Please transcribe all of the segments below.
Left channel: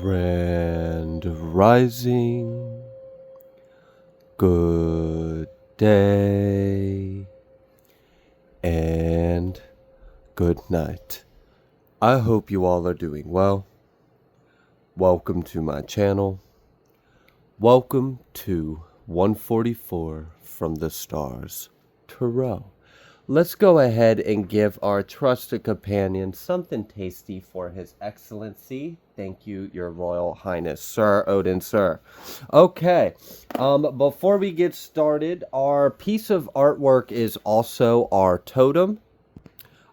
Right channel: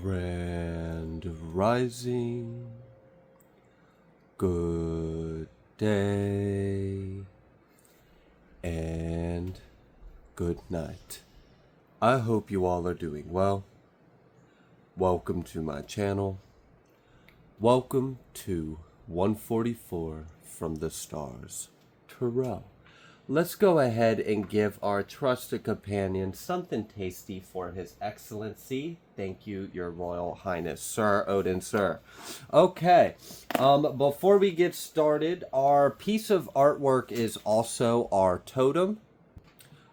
Grand Rising, good day, and good night. I hope you all are doing well. Welcome to my channel. Welcome to 144 from the Stars, Tarot. Let's go ahead and give our trusted companion something tasty for his excellency. Thank you, your royal highness, Sir Odin, sir. Okay, before we get started, our piece of artwork is also our totem.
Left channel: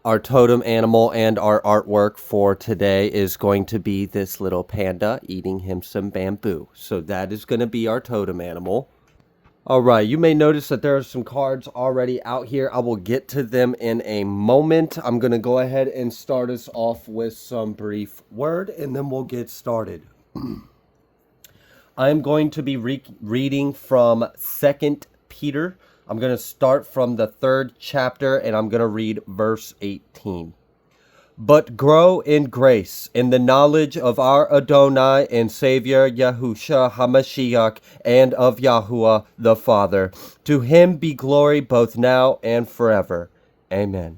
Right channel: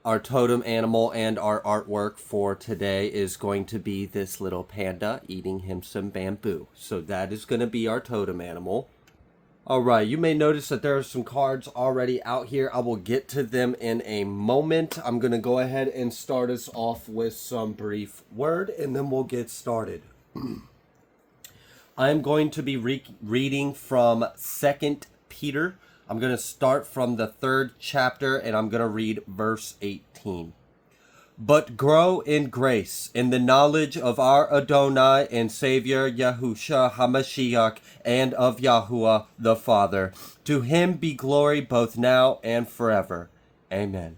Our totem animal and our artwork for today is going to be this little panda eating him some bamboo. So that is going to be our totem animal. All right, you may notice that there are some cards already out here. I will get to them in a moment. I'm going to go ahead and start us off with some brief word, and then we'll get started. I'm going to be reading from 2 Peter. I'm going to start from the 3rd chapter, and I'm going to read verse 18. But grow in grace, in the knowledge of our Adonai and Savior Yahusha HaMashiach, and of Yahuwah the Father. To him be glory both now and forever. Amen.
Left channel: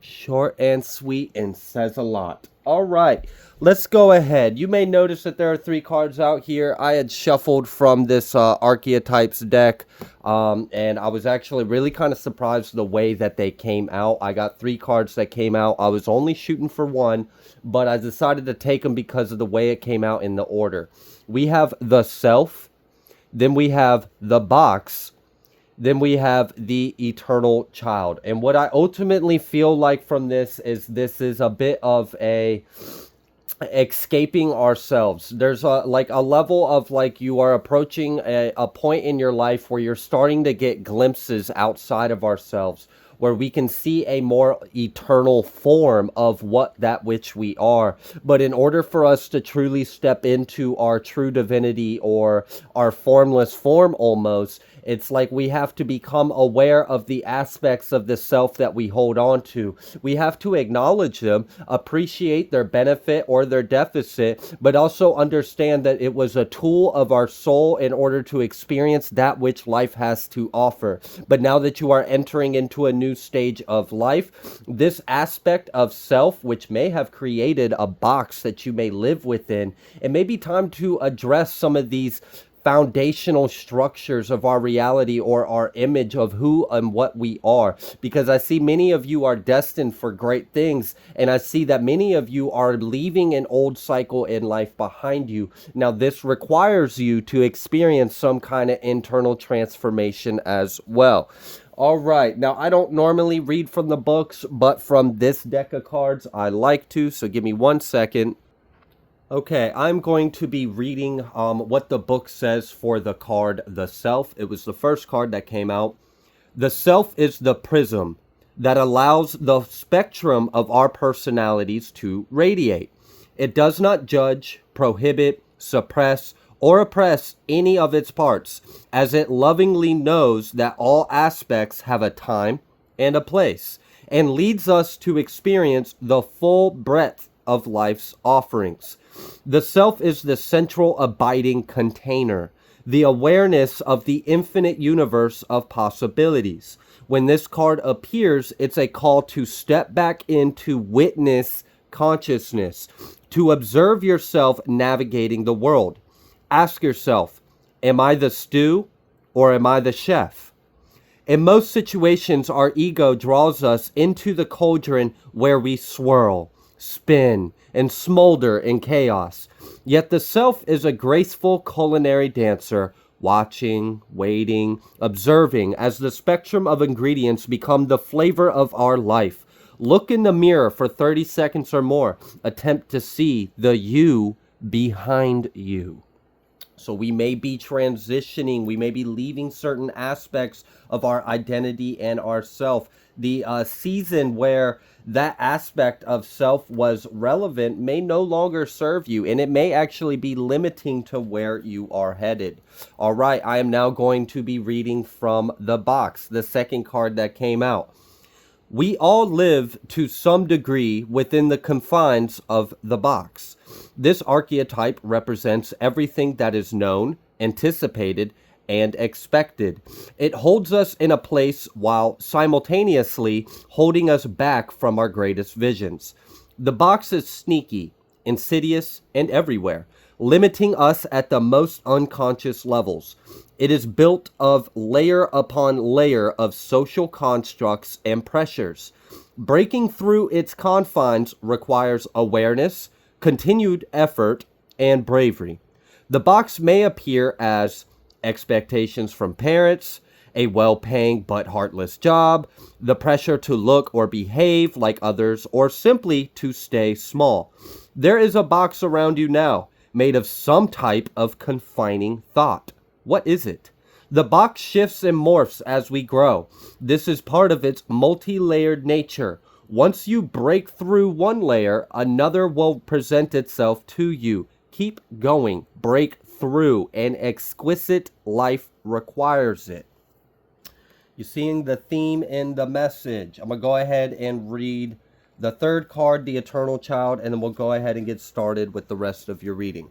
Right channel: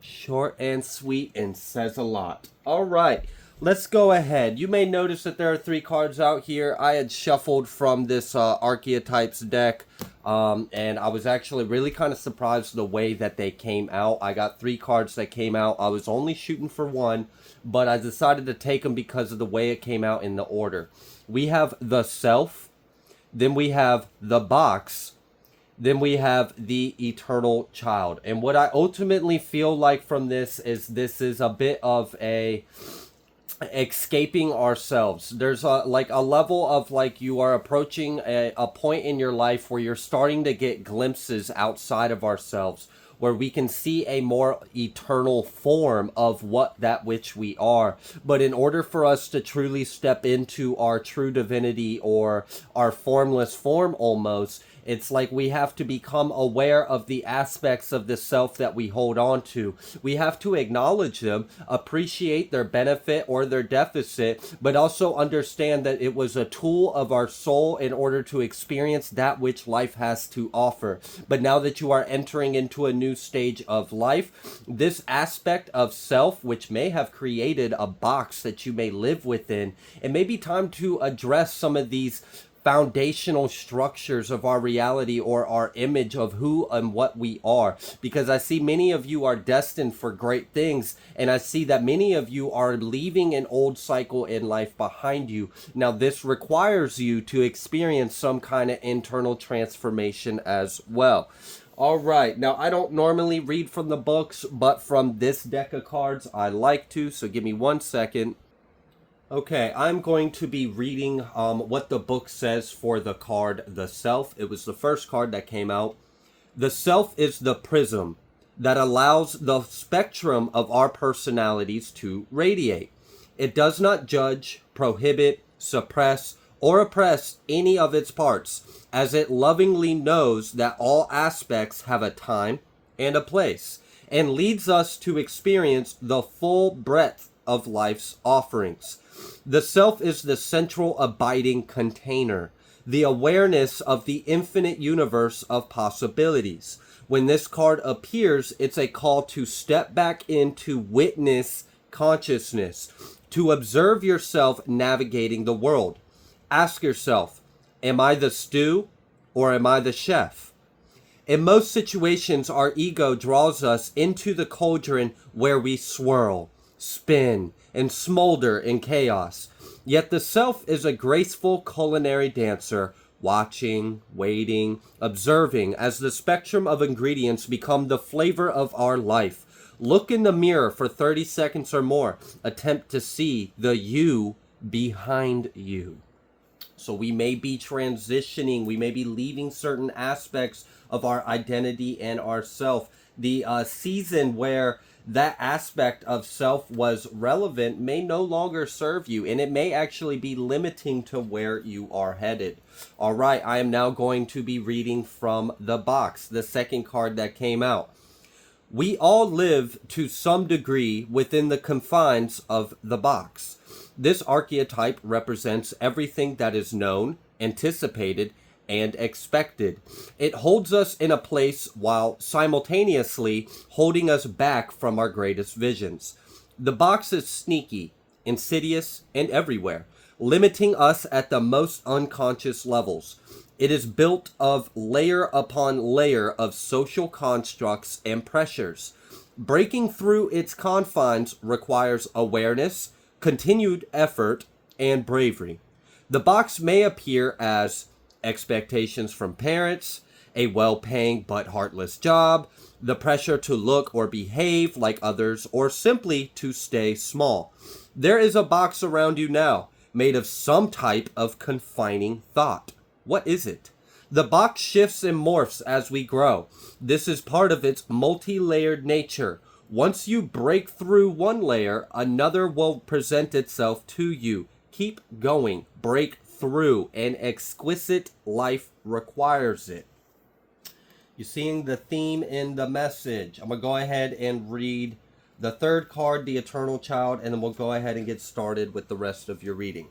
Short and sweet and says a lot. All right, let's go ahead. You may notice that there are 3 cards out here. I had shuffled from this Archetypes deck, and I was actually really kind of surprised the way that they came out. I got 3 cards that came out. I was only shooting for 1, but I decided to take them because of the way it came out in the order. We have the Self, then we have the Box, then we have the Eternal Child. And what I ultimately feel like from this is a bit of a escaping ourselves. There's a level of you are approaching a point in your life where you're starting to get glimpses outside of ourselves, where we can see a more eternal form of that which we are. But in order for us to truly step into our true divinity, or our formless form almost, it's like we have to become aware of the aspects of the self that we hold on to. We have to acknowledge them, appreciate their benefit or their deficit, but also understand that it was a tool of our soul in order to experience that which life has to offer. But now that you are entering into a new stage of life, this aspect of self, which may have created a box that you may live within, it may be time to address some of these foundational structures of our reality, or our image of who and what we are, because I see many of you are destined for great things, and I see that many of you are leaving an old cycle in life behind you. Now this requires you to experience some kind of internal transformation as well. All right, now I don't normally read from the books, but from this deck of cards I like to, so give me 1 second. Okay, I'm going to be reading what the book says for the card, the Self. It was the first card that came out. The Self is the prism that allows the spectrum of our personalities to radiate. It does not judge, prohibit, suppress, or oppress any of its parts, as it lovingly knows that all aspects have a time and a place, and leads us to experience the full breadth of life's offerings. The Self is the central abiding container, the awareness of the infinite universe of possibilities. When this card appears, it's a call to step back into witness consciousness, to observe yourself navigating the world. Ask yourself, am I the stew or am I the chef? In most situations, our ego draws us into the cauldron where we swirl, spin, and smolder in chaos. Yet the Self is a graceful culinary dancer, watching, waiting, observing as the spectrum of ingredients become the flavor of our life. Look in the mirror for 30 seconds or more. Attempt to see the you behind you. So we may be transitioning, we may be leaving certain aspects of our identity and our self. The season where that aspect of self was relevant may no longer serve you, and it may actually be limiting to where you are headed. All right, I am now going to be reading from the box, the second card that came out. We all live to some degree within the confines of the box. This archetype represents everything that is known, anticipated, and expected. It holds us in a place while simultaneously holding us back from our greatest visions. The box is sneaky, insidious, and everywhere, limiting us at the most unconscious levels. It is built of layer upon layer of social constructs and pressures. Breaking through its confines requires awareness, continued effort, and bravery. The box may appear as expectations from parents, a well-paying but heartless job, the pressure to look or behave like others, or simply to stay small. There is a box around you now, made of some type of confining thought. What is it? The box shifts and morphs as we grow. This is part of its multi-layered nature. Once you break through one layer, another will present itself to you. Keep going. Break through. An exquisite life requires it. You're seeing the theme in the message. I'm going to go ahead and read the third card, the Eternal Child, and then we'll go ahead and get started with the rest of your reading.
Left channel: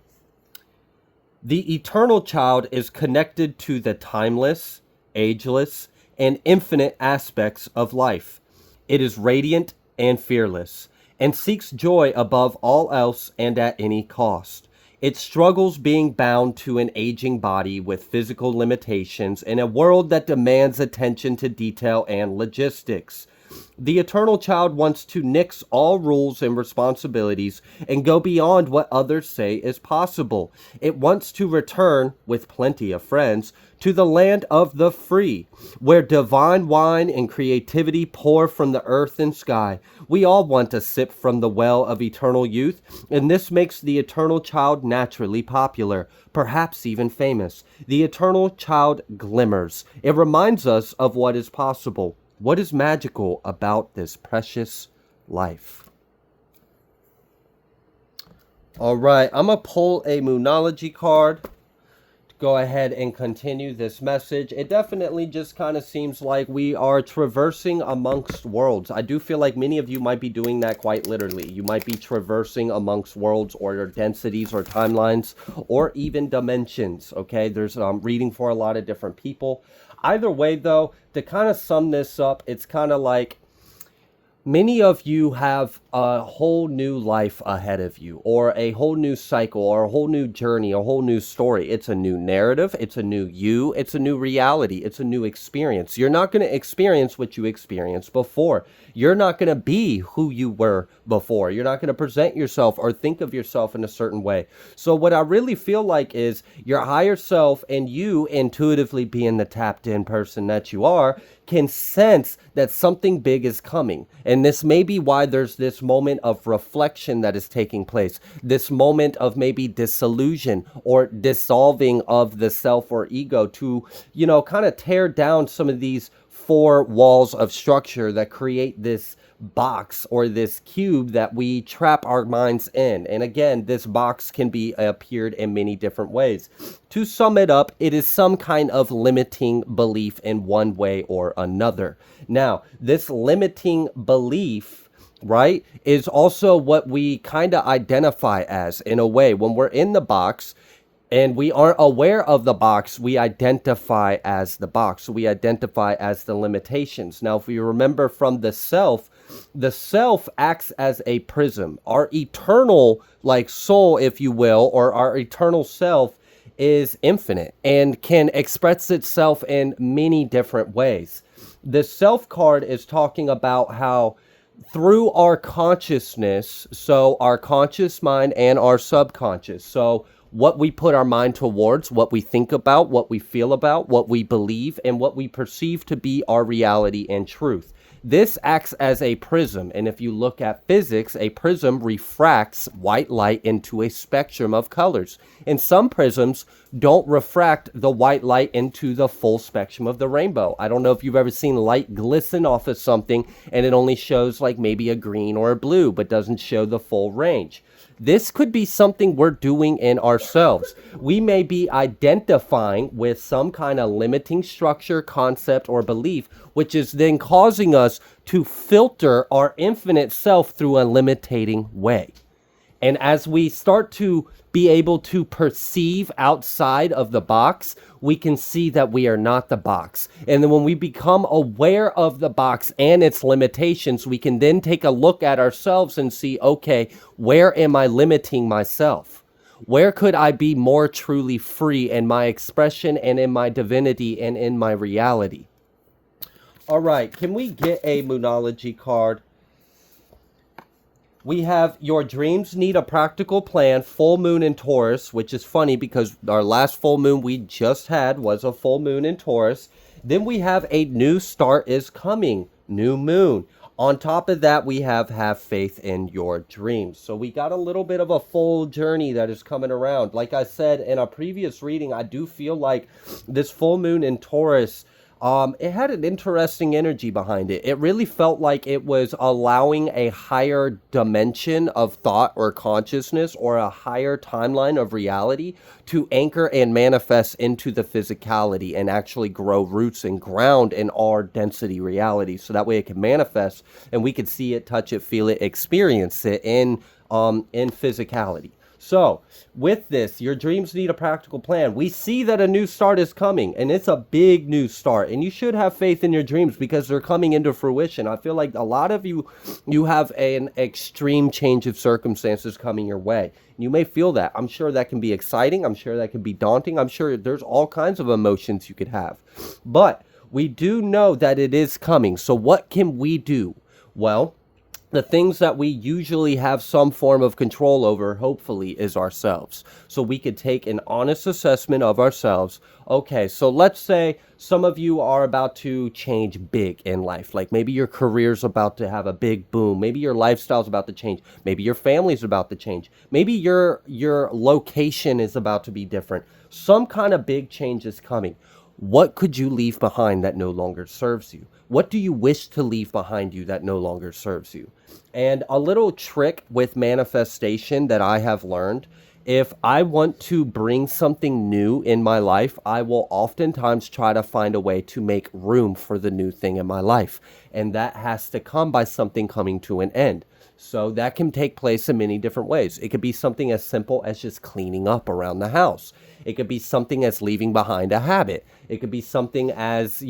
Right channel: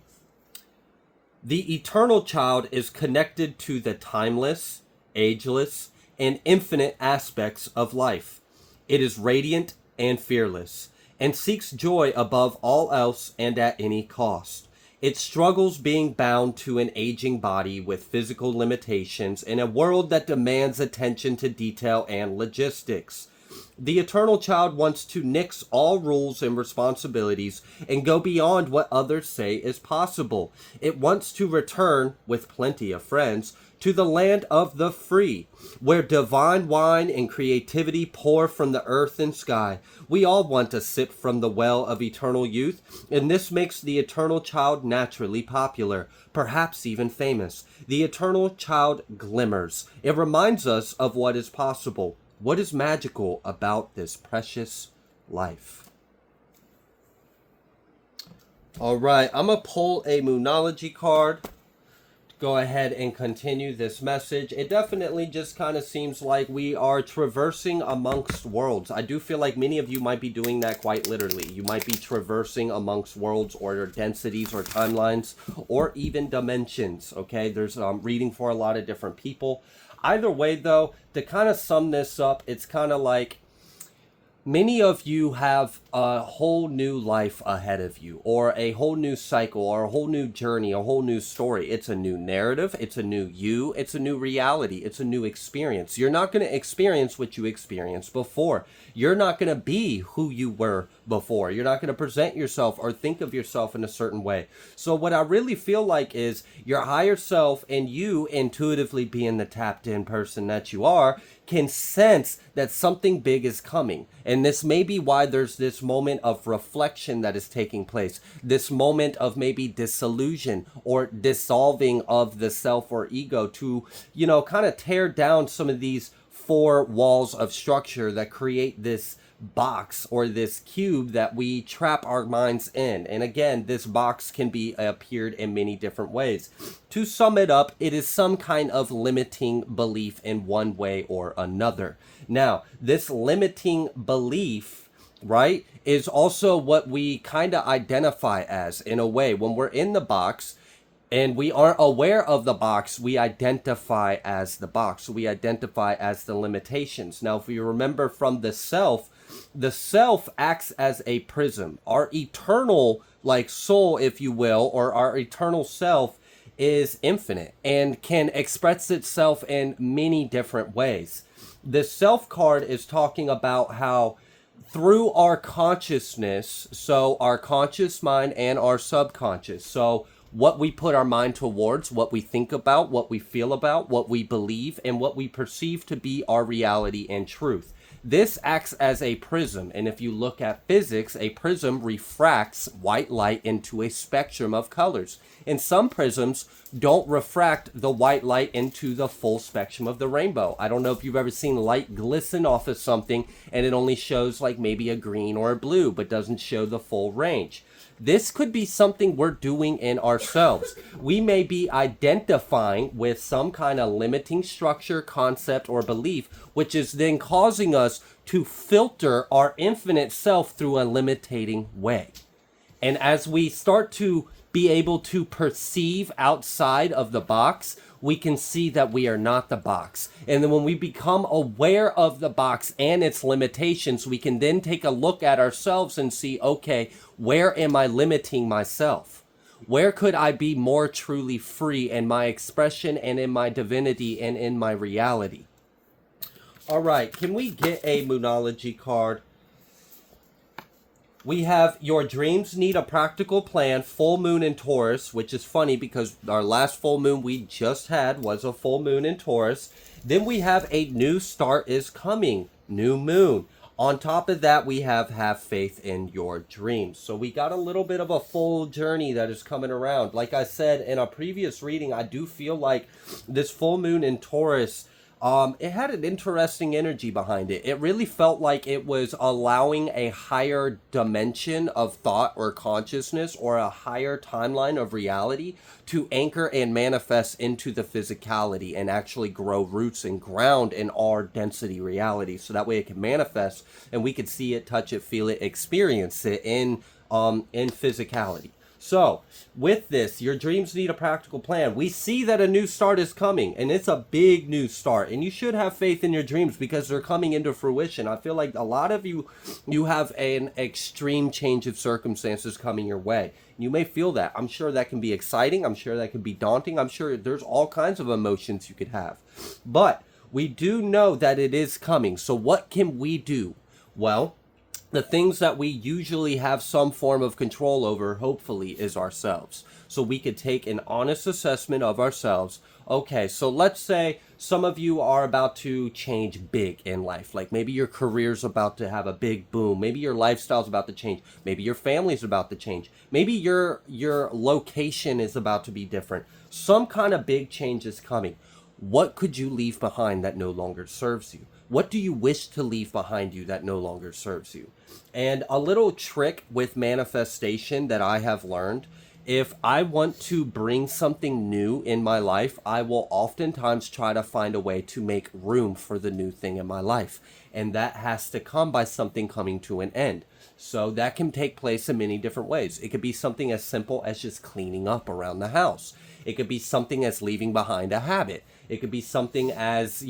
The Eternal Child is connected to the timeless, ageless, and infinite aspects of life. It is radiant and fearless, and seeks joy above all else and at any cost. It struggles being bound to an aging body with physical limitations in a world that demands attention to detail and logistics. The Eternal Child wants to nix all rules and responsibilities and go beyond what others say is possible. It wants to return, with plenty of friends, to the land of the free, where divine wine and creativity pour from the earth and sky. We all want to sip from the well of eternal youth, and this makes the Eternal Child naturally popular, perhaps even famous. The Eternal Child glimmers. It reminds us of what is possible. What is magical about this precious life? All right, I'm going to pull a Moonology card to go ahead and continue this message. It definitely just kind of seems like we are traversing amongst worlds. I do feel like many of you might be doing that quite literally. You might be traversing amongst worlds or densities or timelines or even dimensions, okay? There's reading for a lot of different people. Either way, though, to kind of sum this up, it's kind of like many of you have a whole new life ahead of you, or a whole new cycle, or a whole new journey, a whole new story. It's a new narrative. It's a new you. It's a new reality. It's a new experience. You're not going to experience what you experienced before. You're not going to be who you were before. You're not going to present yourself or think of yourself in a certain way. So what I really feel like is your higher self, and you intuitively being the tapped in person that you are, can sense that something big is coming. And this may be why there's this moment of reflection that is taking place. This moment of maybe disillusion or dissolving of the self or ego to, kind of tear down some of these four walls of structure that create this box or this cube that we trap our minds in. And again, this box can be appeared in many different ways. To sum it up, it is some kind of limiting belief in one way or another. Now, this limiting belief, right, is also what we kind of identify as in a way. When we're in the box and we aren't aware of the box, we identify as the box. We identify as the limitations. Now, if you remember from the self acts as a prism. Our eternal, soul, if you will, or our eternal self is infinite and can express itself in many different ways. The self card is talking about how through our consciousness, so our conscious mind and our subconscious, so what we put our mind towards, what we think about, what we feel about, what we believe, and what we perceive to be our reality and truth. This acts as a prism, and if you look at physics, a prism refracts white light into a spectrum of colors. And some prisms don't refract the white light into the full spectrum of the rainbow. I don't know if you've ever seen light glisten off of something and it only shows maybe a green or a blue, but doesn't show the full range. This could be something we're doing in ourselves. We may be identifying with some kind of limiting structure, concept, or belief, which is then causing us to filter our infinite self through a limiting way. And as we start to be able to perceive outside of the box, we can see that we are not the box. And then when we become aware of the box and its limitations, we can then take a look at ourselves and see, okay, where am I limiting myself? Where could I be more truly free in my expression and in my divinity and in my reality? All right, can we get a Moonology card? We have your dreams need a practical plan, full moon in Taurus, which is funny because our last full moon we just had was a full moon in Taurus. Then we have a new start is coming, new moon. On top of that, we have faith in your dreams. So we got a little bit of a full journey that is coming around. Like I said in a previous reading, I do feel like this full moon in Taurus, it had an interesting energy behind it. It really felt like it was allowing a higher dimension of thought or consciousness or a higher timeline of reality to anchor and manifest into the physicality and actually grow roots and ground in our density reality. So that way it can manifest and we could see it, touch it, feel it, experience it in physicality. So, with this, your dreams need a practical plan. We see that a new start is coming, and it's a big new start. And you should have faith in your dreams because they're coming into fruition. I feel like a lot of you have an extreme change of circumstances coming your way. You may feel that. I'm sure that can be exciting. I'm sure that can be daunting. I'm sure there's all kinds of emotions you could have. But we do know that it is coming. So what can we do? Well, the things that we usually have some form of control over, hopefully, is ourselves. So we could take an honest assessment of ourselves. Okay, so let's say some of you are about to change big in life. Like maybe your career's about to have a big boom. Maybe your lifestyle's about to change. Maybe your family's about to change. Maybe your location is about to be different. Some kind of big change is coming. What could you leave behind that no longer serves you? What do you wish to leave behind you that no longer serves you? And a little trick with manifestation that I have learned, if I want to bring something new in my life, I will oftentimes try to find a way to make room for the new thing in my life. And that has to come by something coming to an end. So that can take place in many different ways. It could be something as simple as just cleaning up around the house. It could be something as leaving behind a habit. It could be something as,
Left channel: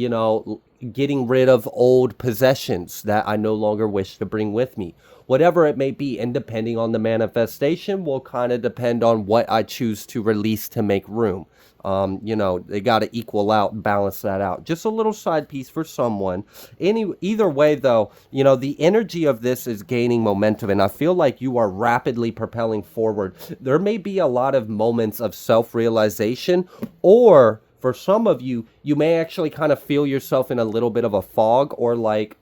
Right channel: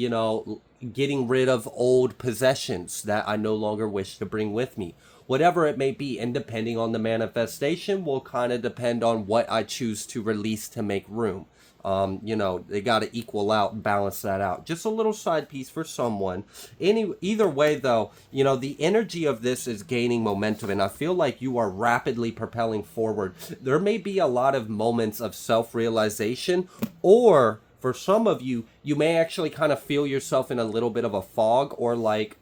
getting rid of old possessions that I no longer wish to bring with me. Whatever it may be, and depending on the manifestation will kind of depend on what I choose to release to make room. They got to equal out and balance that out. Just a little side piece for someone. Either way, though, the energy of this is gaining momentum, and I feel like you are rapidly propelling forward. There may be a lot of moments of self-realization, or for some of you, you may actually kind of feel yourself in a little bit of a fog, or like,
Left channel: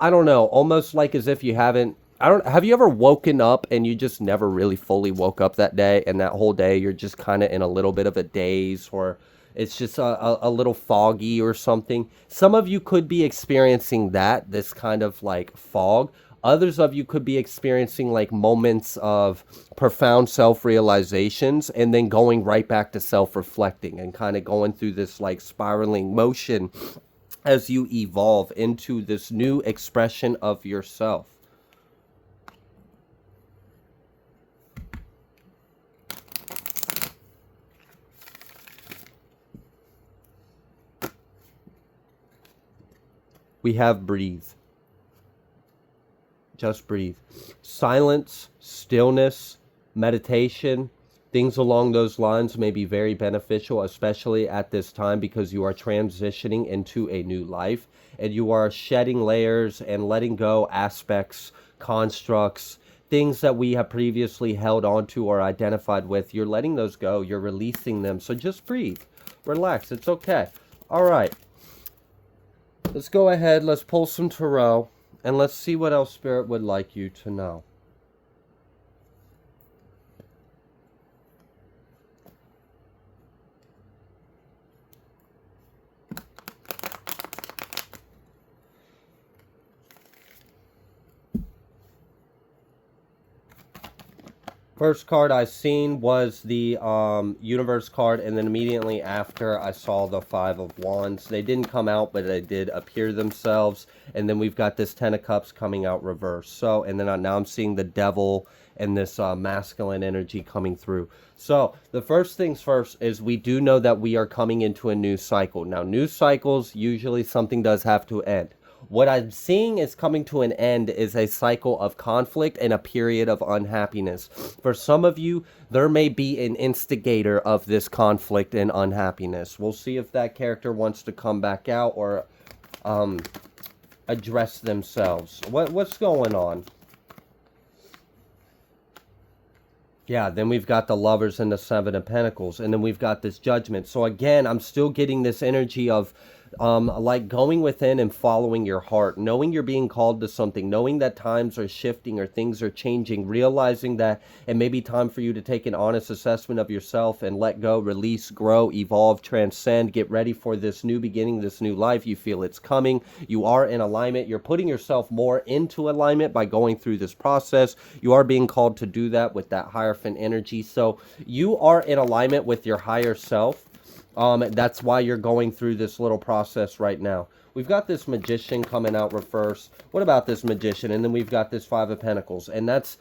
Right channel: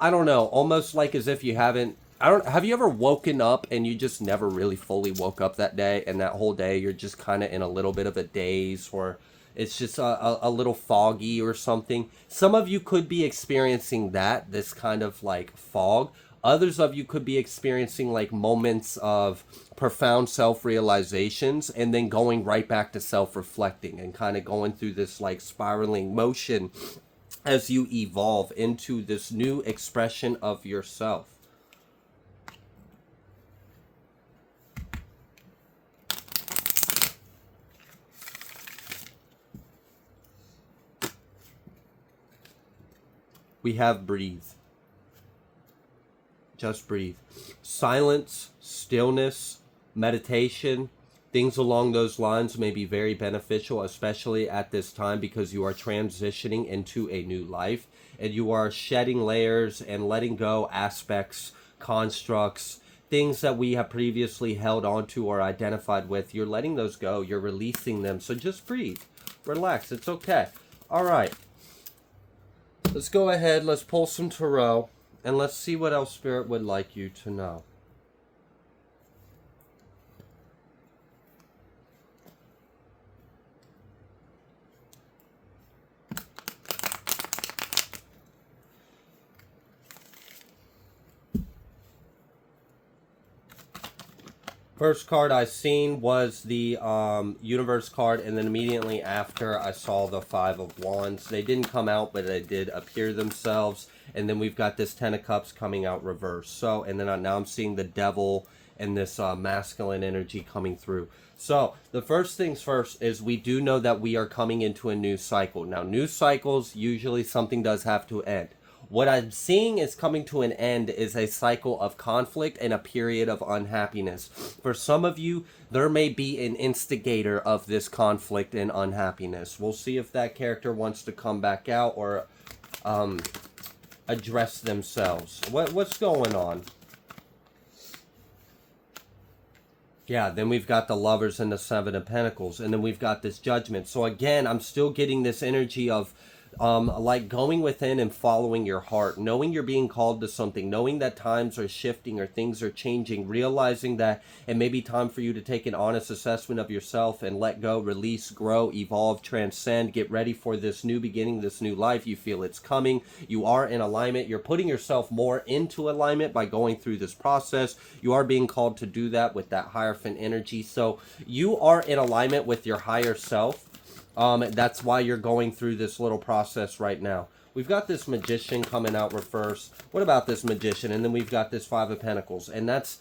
I don't know, almost like as if you haven't. Have you ever woken up and you just never really fully woke up that day, and that whole day you're just kind of in a little bit of a daze, or it's just a little foggy or something? Some of you could be experiencing this kind of like fog. Others of you could be experiencing like moments of profound self-realizations and then going right back to self-reflecting and kind of going through this like spiraling motion as you evolve into this new expression of yourself. We have breathe. Just breathe. Silence, stillness, meditation, things along those lines may be very beneficial, especially at this time because you are transitioning into a new life and you are shedding layers and letting go aspects, constructs, things that we have previously held onto or identified with. You're letting those go. You're releasing them. So just breathe. Relax. It's okay. All right. Let's go ahead. Let's pull some tarot. And let's see what else Spirit would like you to know. First card I seen was the universe card, and then immediately after I saw the Five of Wands. They didn't come out, but they did appear themselves. And then we've got this Ten of Cups coming out reverse. So, and then now I'm seeing the Devil and this masculine energy coming through. So the first things first is we do know that we are coming into a new cycle. Now, new cycles, usually something does have to end. What I'm seeing is coming to an end is a cycle of conflict and a period of unhappiness. For some of you, there may be an instigator of this conflict and unhappiness. We'll see if that character wants to come back out or address themselves. What's going on? Yeah, then we've got the Lovers and the Seven of Pentacles, and then we've got this Judgment. So again, I'm still getting this energy of like going within and following your heart, knowing you're being called to something, knowing that times are shifting or things are changing, realizing that it may be time for you to take an honest assessment of yourself and let go, release, grow, evolve, transcend, get ready for this new beginning, this new life. You feel it's coming. You are in alignment. You're putting yourself more into alignment by going through this process. You are being called to do that with that Hierophant energy. So you are in alignment with your higher self. That's why you're going through this little process right now. We've got this Magician coming out reverse. What about this Magician? And then we've got this Five of Pentacles. And that's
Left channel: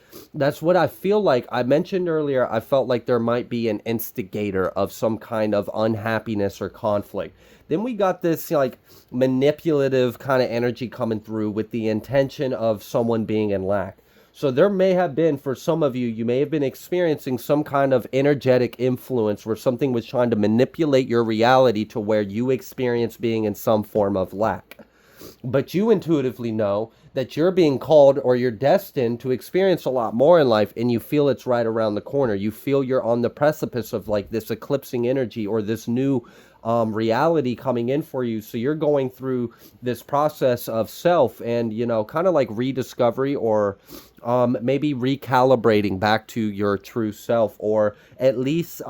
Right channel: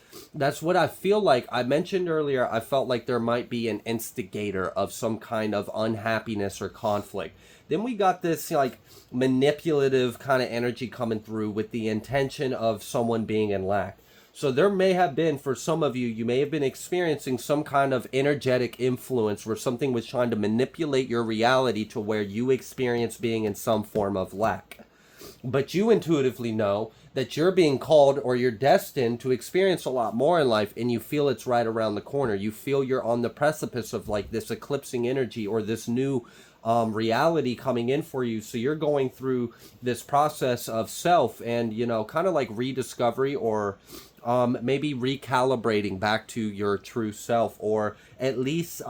what I feel like. I mentioned earlier, I felt like there might be an instigator of some kind of unhappiness or conflict. Then we got this like manipulative kind of energy coming through with the intention of someone being in lack. So there may have been, for some of you, you may have been experiencing some kind of energetic influence where something was trying to manipulate your reality to where you experience being in some form of lack. But you intuitively know that you're being called or you're destined to experience a lot more in life, and you feel it's right around the corner. You feel you're on the precipice of like this eclipsing energy or this new reality coming in for you. So you're going through this process of self and, you know, kind of like rediscovery or maybe recalibrating back to your true self, or at least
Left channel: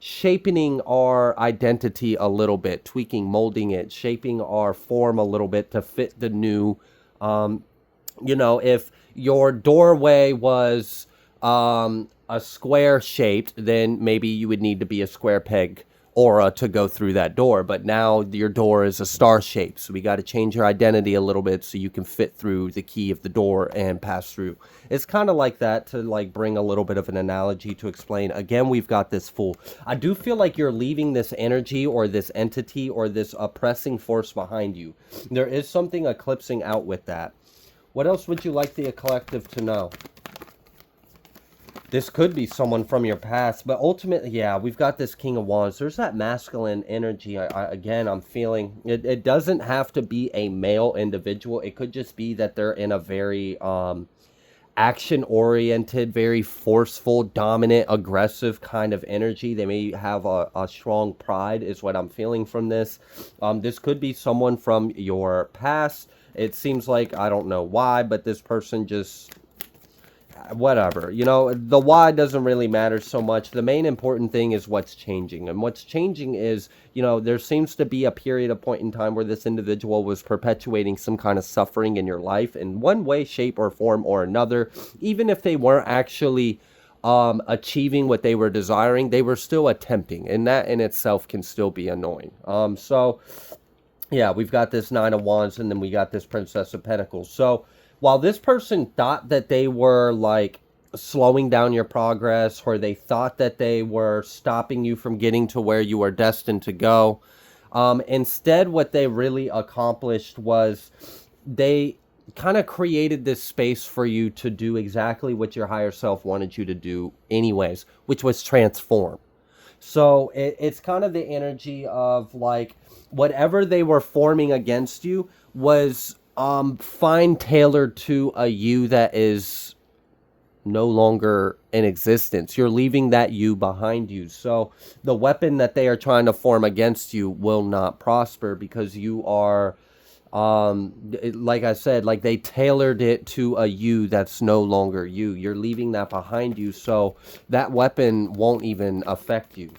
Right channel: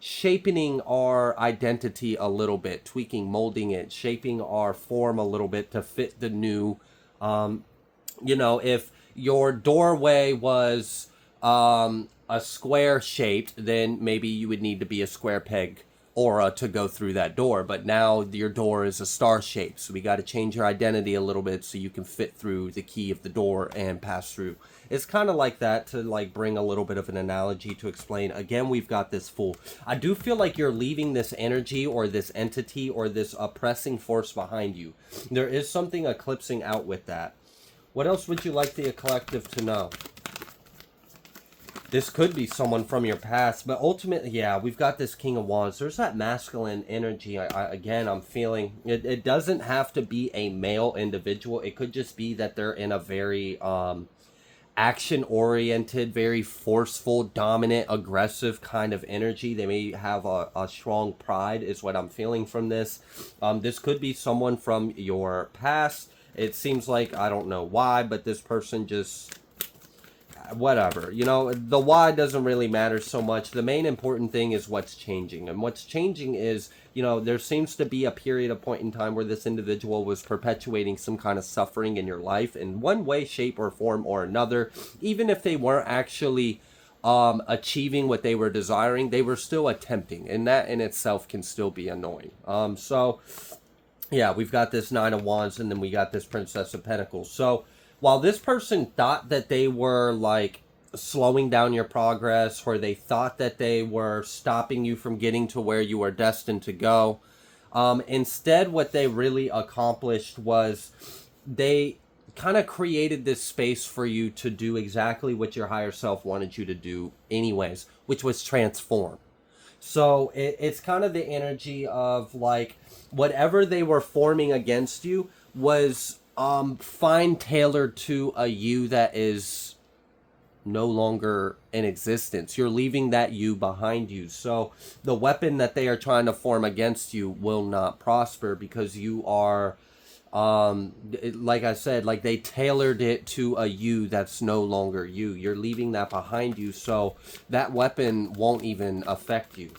shaping our identity a little bit, tweaking, molding it, shaping our form a little bit to fit the new, you know, if your doorway was a square shaped, then maybe you would need to be a square peg aura to go through that door, but now your door is a star shape, so we got to change your identity a little bit so you can fit through the key of the door and pass through. It's kind of like that, to like bring a little bit of an analogy to explain. Again, we've got this Fool. I do feel like you're leaving this energy or this entity or this oppressing force behind you. There is something eclipsing out with that. What else would you like the collective to know? This could be someone from your past, but ultimately, yeah, we've got this King of Wands. There's that masculine energy. Again, I'm feeling it doesn't have to be a male individual. It could just be that they're in a very action-oriented, very forceful, dominant, aggressive kind of energy. They may have a strong pride is what I'm feeling from this. This could be someone from your past. It seems like, I don't know why, but this person just... whatever, you know, the why doesn't really matter so much. The main important thing is what's changing, and what's changing is, you know, there seems to be a period of point in time where this individual was perpetuating some kind of suffering in your life in one way, shape, or form or another. Even if they weren't actually achieving what they were desiring, they were still attempting, and that in itself can still be annoying. So yeah, we've got this Nine of Wands, and then we got this Princess of Pentacles. So while this person thought that they were like slowing down your progress, or they thought that they were stopping you from getting to where you are destined to go, instead what they really accomplished was they kind of created this space for you to do exactly what your higher self wanted you to do anyways, which was transform. So it's kind of the energy of like whatever they were forming against you was fine tailored to a you that is no longer in existence. You're leaving that you behind you. So the weapon that they are trying to form against you will not prosper, because you are, like I said, like they tailored it to a you that's no longer you. You're leaving that behind you, so that weapon won't even affect you.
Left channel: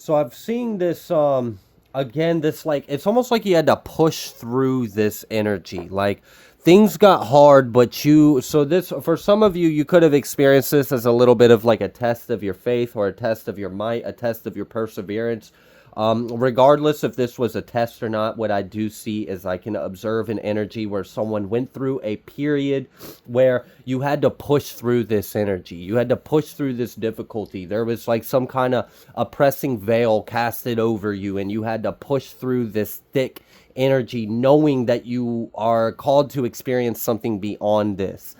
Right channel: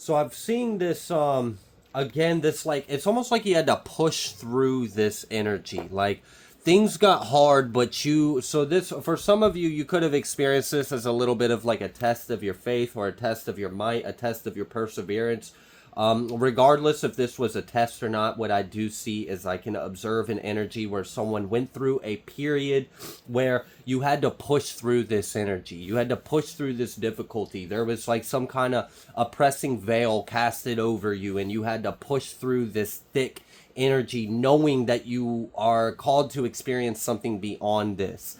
So I've seen this again, this like it's almost like you had to push through this energy. Like things got hard, but you so this for some of you, you could have experienced this as a little bit of like a test of your faith or a test of your might, a test of your perseverance. Regardless if this was a test or not, what I do see is I can observe an energy where someone went through a period where you had to push through this energy. You had to push through this difficulty. There was like some kind of oppressing veil casted over you, and you had to push through this thick energy, knowing that you are called to experience something beyond this.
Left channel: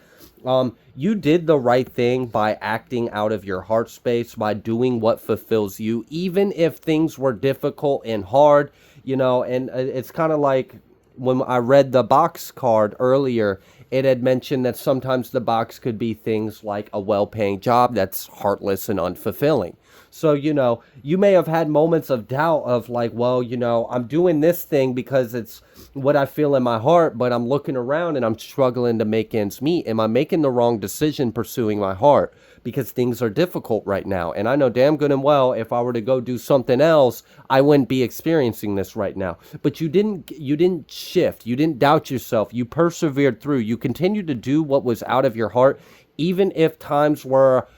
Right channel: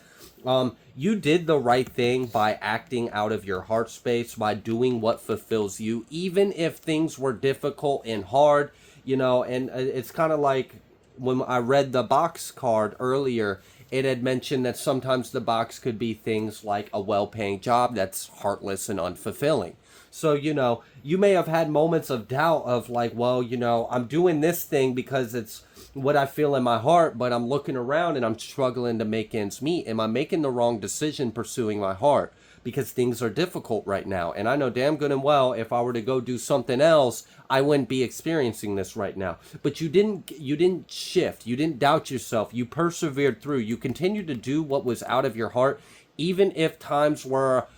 You did the right thing by acting out of your heart space, by doing what fulfills you, even if things were difficult and hard, and it's kind of like when I read the box card earlier, it had mentioned that sometimes the box could be things like a well-paying job that's heartless and unfulfilling. So, you may have had moments of doubt of like, well, I'm doing this thing because it's what I feel in my heart, but I'm looking around and I'm struggling to make ends meet. Am I making the wrong decision pursuing my heart? Because things are difficult right now. And I know damn good and well if I were to go do something else, I wouldn't be experiencing this right now. But you didn't shift. You didn't doubt yourself. You persevered through. You continued to do what was out of your heart, even if times were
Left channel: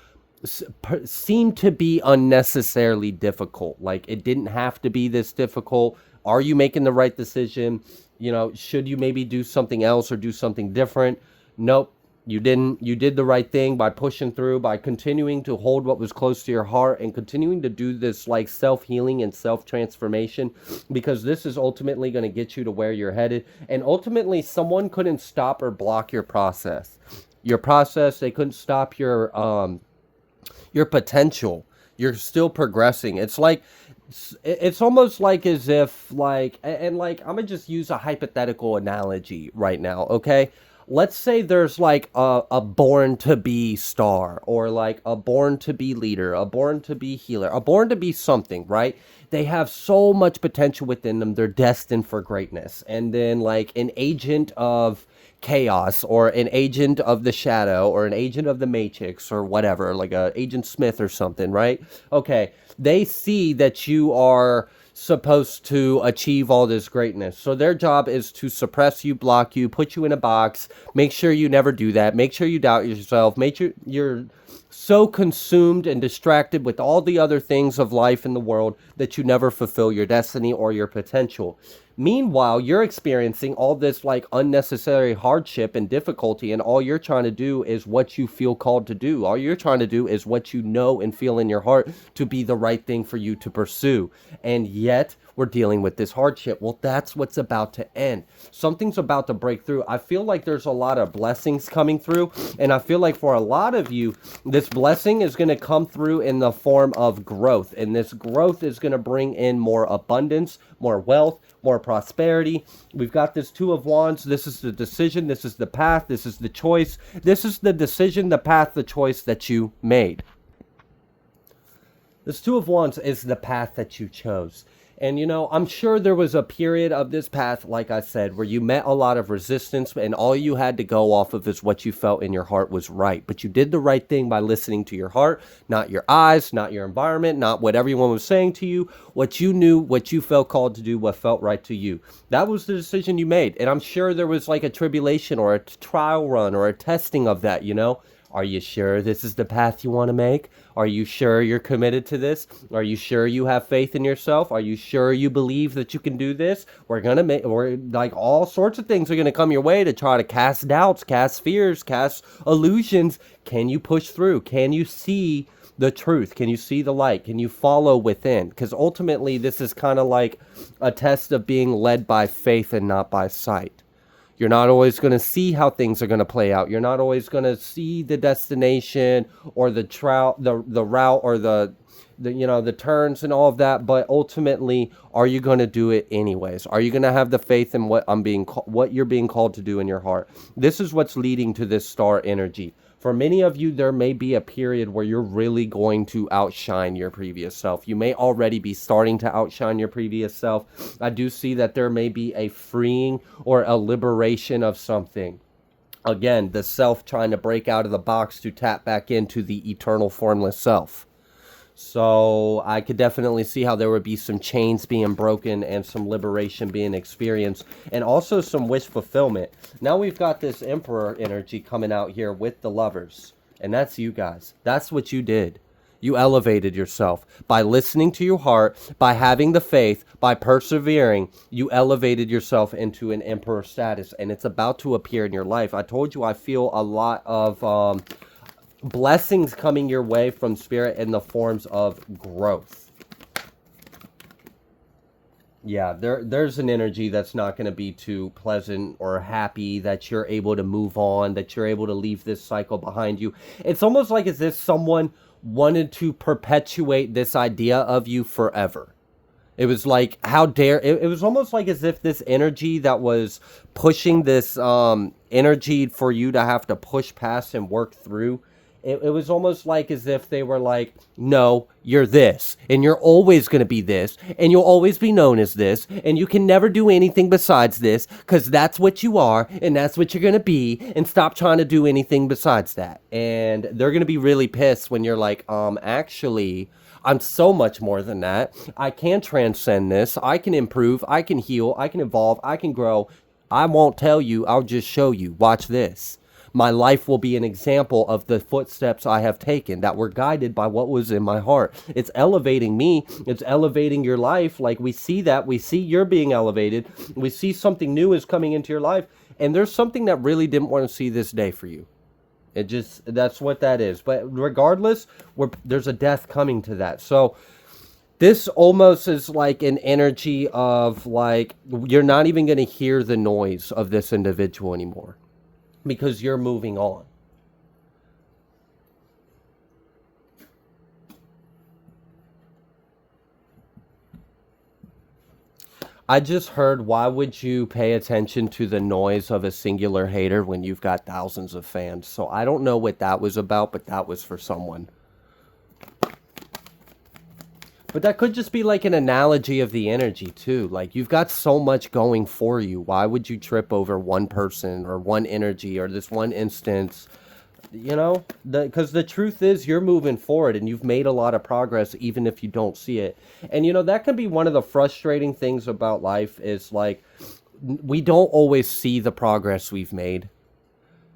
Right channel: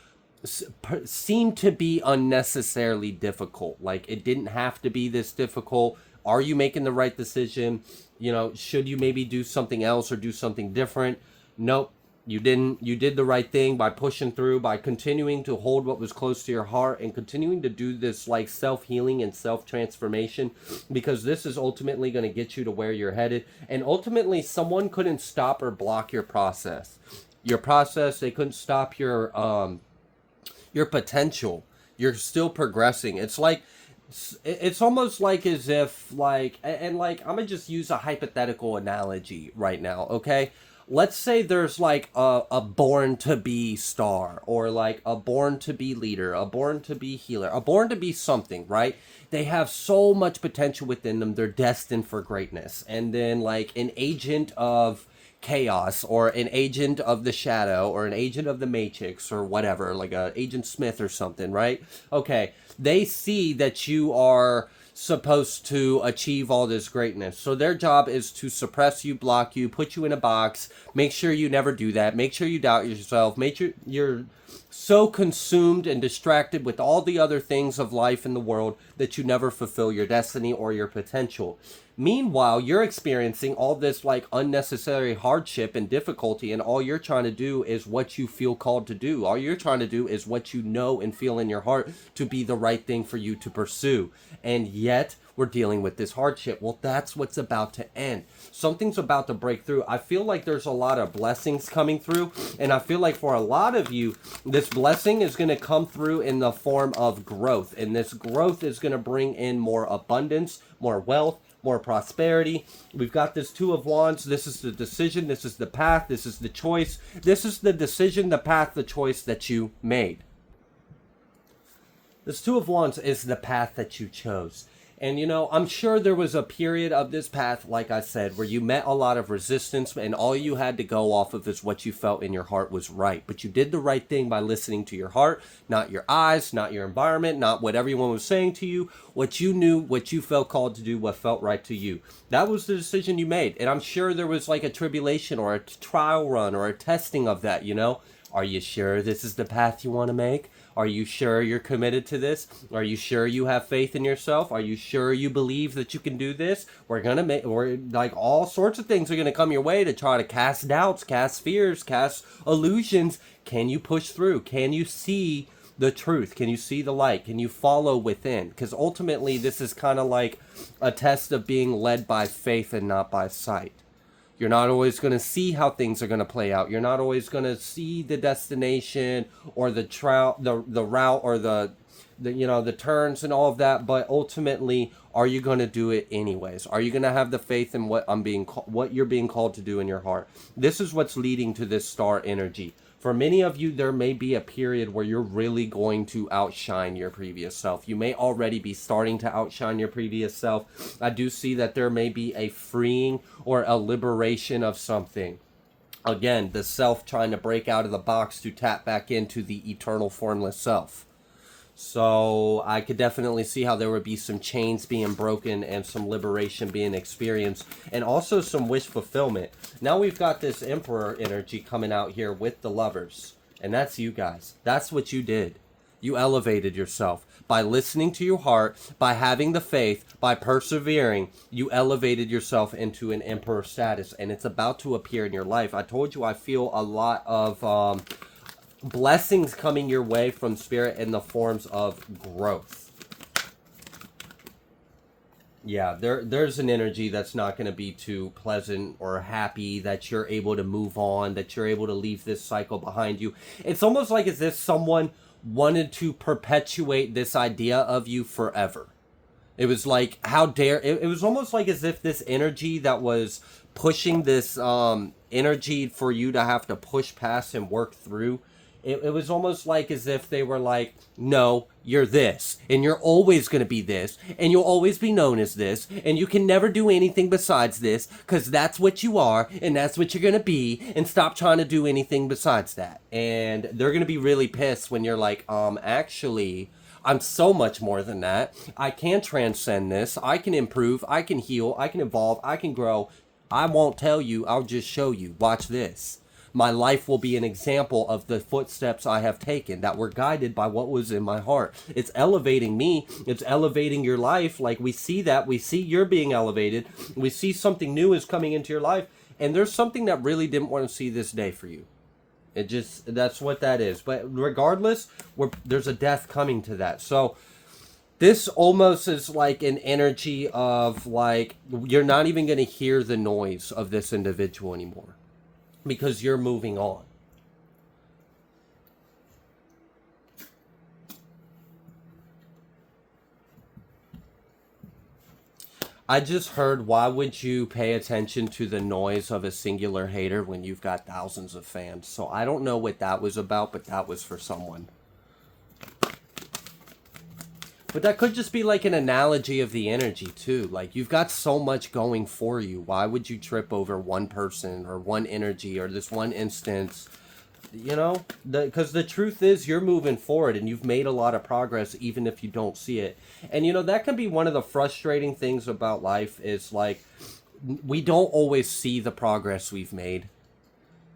seem to be unnecessarily difficult. Like it didn't have to be this difficult. Are you making the right decision? Should you maybe do something else or do something different? Nope, you didn't. You did the right thing by pushing through, by continuing to hold what was close to your heart and continuing to do this like self-healing and self-transformation, because this is ultimately going to get you to where you're headed. And ultimately, someone couldn't stop or block your process. They couldn't stop your potential. You're still progressing. It's almost like as if like, and like I'm gonna just use a hypothetical analogy right now, okay? Let's say there's like a born to be star, or like a born to be leader, a born to be healer, a born to be something, right? They have so much potential within them. They're destined for greatness. And then like an agent of chaos, or an agent of the shadow, or an agent of the matrix, or whatever, like a Agent Smith or something, right? Okay, they see that you are supposed to achieve all this greatness, so their job is to suppress you, block you, put you in a box, make sure you never do that, make sure you doubt yourself, make sure you're so consumed and distracted with all the other things of life in the world that you never fulfill your destiny or your potential. Meanwhile, you're experiencing all this like unnecessary hardship and difficulty, and all you're trying to do is what you feel called to do. All you're trying to do is what you know and feel in your heart to be the right thing for you to pursue. And yet, we're dealing with this hardship. Well, that's what's about to end. Something's about to break through. I feel like there's a lot of blessings coming through, and I feel like for a lot of you, this blessing is going to come through in the form of growth, and this growth is going to bring in more abundance, more wealth, more prosperity. We've got this Two of Wands. This is the decision. This is the path. This is the choice. This is the decision, the path, the choice that you made. This Two of Wands is the path that you chose. And, I'm sure there was a period of this path, like I said, where you met a lot of resistance, and all you had to go off of is what you felt in your heart was right. But you did the right thing by listening to your heart, not your eyes, not your environment, not what everyone was saying to you, what you knew, what you felt called to do, what felt right to you. That was the decision you made. And I'm sure there was like a tribulation or a trial run or a testing of that, Are you sure this is the path you want to make? Are you sure you're committed to this? Are you sure you have faith in yourself? Are you sure you believe that you can do this? We're like all sorts of things are going to come your way to try to cast doubts, cast fears, cast illusions. Can you push through? Can you see the truth? Can you see the light? Can you follow within? Because ultimately, this is kind of like a test of being led by faith and not by sight. You're not always going to see how things are going to play out. You're not always going to see the destination or the route or the turns and all of that. But ultimately, are you going to do it anyways? Are you going to have the faith in what you're being called to do in your heart? This is what's leading to this star energy. For many of you, there may be a period where you're really going to outshine your previous self. You may already be starting to outshine your previous self. I do see that there may be a freeing or a liberation of something. Again, the self trying to break out of the box to tap back into the eternal formless self. So I could definitely see how there would be some chains being broken and some liberation being experienced, and also some wish fulfillment. Now we've got this Emperor energy coming out here with the Lovers, and that's you guys. That's what you did. You elevated yourself by listening to your heart, by having the faith, by persevering. You elevated yourself into an Emperor status, and it's about to appear in your life. I told you I feel a lot of blessings coming your way from Spirit in the forms of growth. Yeah, there's an energy that's not going to be too pleasant or happy, that you're able to move on, that you're able to leave this cycle behind you. It's almost like as if someone wanted to perpetuate this idea of you forever. It was like, how dare, it was almost like as if this energy that was pushing this energy for you to have to push past and work through, it was almost like as if they were like, no, you're this, and you're always going to be this, and you'll always be known as this, and you can never do anything besides this, because that's what you are, and that's what you're going to be, and stop trying to do anything besides that. And they're going to be really pissed when you're like, actually, I'm so much more than that. I can transcend this. I can improve. I can heal. I can evolve. I can grow. I won't tell you. I'll just show you. Watch this. My life will be an example of the footsteps I have taken that were guided by what was in my heart. It's elevating me. It's elevating your life. Like, we see that. We see you're being elevated. We see something new is coming into your life. And there's something that really didn't want to see this day for you. It just, that's what that is. But regardless, there's a death coming to that. So this almost is like an energy of like, you're not even going to hear the noise of this individual anymore, because you're moving on. I just heard, why would you pay attention to the noise of a singular hater when you've got thousands of fans? So I don't know what that was about, but that was for someone. But that could just be like an analogy of the energy too. Like, you've got so much going for you. Why would you trip over one person or one energy or this one instance? You know, because the truth is, you're moving forward and you've made a lot of progress, even if you don't see it. And, you know, that can be one of the frustrating things about life, is like, we don't always see the progress we've made.